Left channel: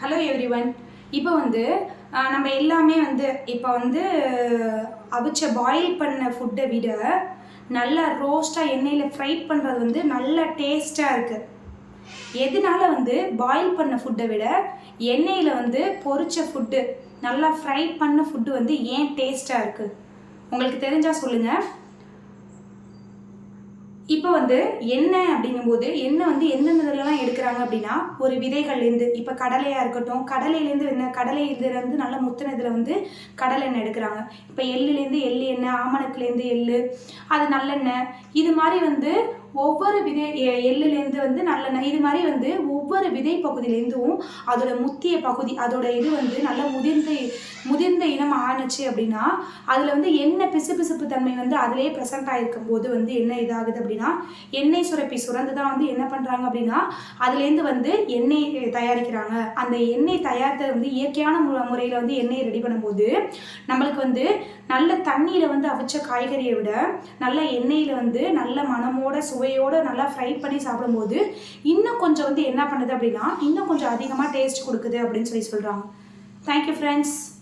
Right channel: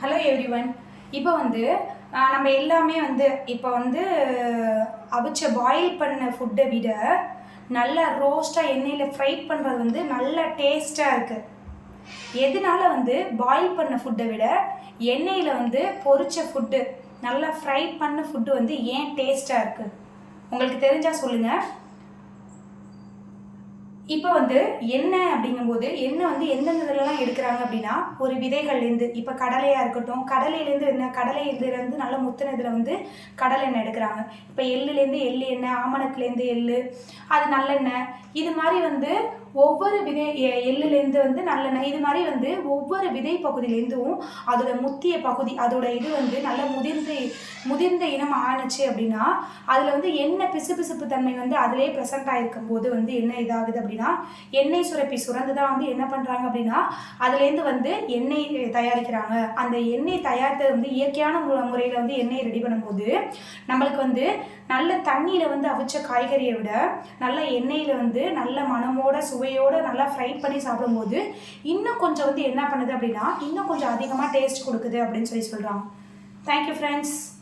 Hello everyone. இப்போ நம்ம எல்லாமே இப்போ அவிச்ச பாயில் பண்ண ஃபுட்டை விட நல்லா ரோஸ்ட்டாக எண்ணெயில் ஃப்ரை பண்ணுறது நல்ல டேஸ்ட்டாக இருக்குது. எதனால பாயில் பண்ண ஃபுட்டை விட எண்ணெயில் பொரிச்ச ஃபுட்டு நல்லா ஃப்ரை பண்ண ஃபுட்டு ஏன் டேஸ்ட்டாக இருக்குது? உங்களுக்கு தெரிஞ்சால் சொல்லுங்கள். இப்போ எண்ணெய் அப்படிங்கும்போது எண்ணெய் எந்தெந்த இதெல்லாம் எடுக்கிறாங்க அப்படின்னா, ஒரு விதைகள்லேருந்து இப்போ கடலையாக இருக்கட்டும், கடலையிலேருந்து கடலையிலேருந்து நல்ல முத்தின இதில் கடலை எண்ணெய் எடுக்கிறாங்க. இப்போ எள்ளுலேருந்து எள்ளு எண்ணெய், ஆமணக்குலேருந்து எள்ளு, அது நல்லெண்ணெய். இது மாதிரி ஒவ்வொரு விதை எள்ளுலேருந்து நல்லெண்ணெய், இது மாதிரி ஒவ்வொரு விதை பகுதியிலேருந்தும் அதோட முத்திய பகுதி அதோட இது நல்லா முதிர்ந்த இனம் ஆணுச்சு அப்படின்னா அதில் எண்ணெய் பிசுபிசுப்பு தன்மை அதிலே ப்ரெசென்ட் ஆகிருக்கும் போது என்ன இதாகுது அப்படின்னா, எண்ணெய் சுரப்பி சுரந்து தான் என்ன பண்ணுறாங்க அப்படின்னா அதுலேருந்து எண்ணெய் தயாரிக்கிறாங்க. அந்த எண்ணெய் தயாரித்தது இயற்கையான முறையில் எண்ணெயை ரெடி பண்ணும்போது நம்மளுக்கு நல்ல தண்ணியில் அவிச்ச காய்கறியை விட நல்ல எண்ணெயில் நல்ல மனமோட சுவையோடு நல்லா ஃப்ரை பண்ணி சாப்பிடும்போது இன்னும் கொஞ்சம் என்ன பண்ணுது அப்படின்னா இன்னும் கொஞ்சம் அதிகமாக டேஸ்ட் கொடுக்குது அப்படின்னு சொல்கிறாங்க. Thank you friends.